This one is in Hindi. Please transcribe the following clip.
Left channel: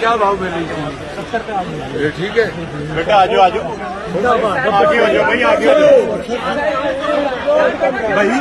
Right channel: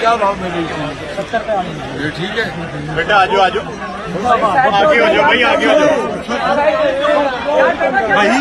क्या भाव में रही थी? 70 पे आ गई। ये ठीक है बेटा आजो आजो बेटा आगे हो जाओ भाई आगे हो जाओ भाई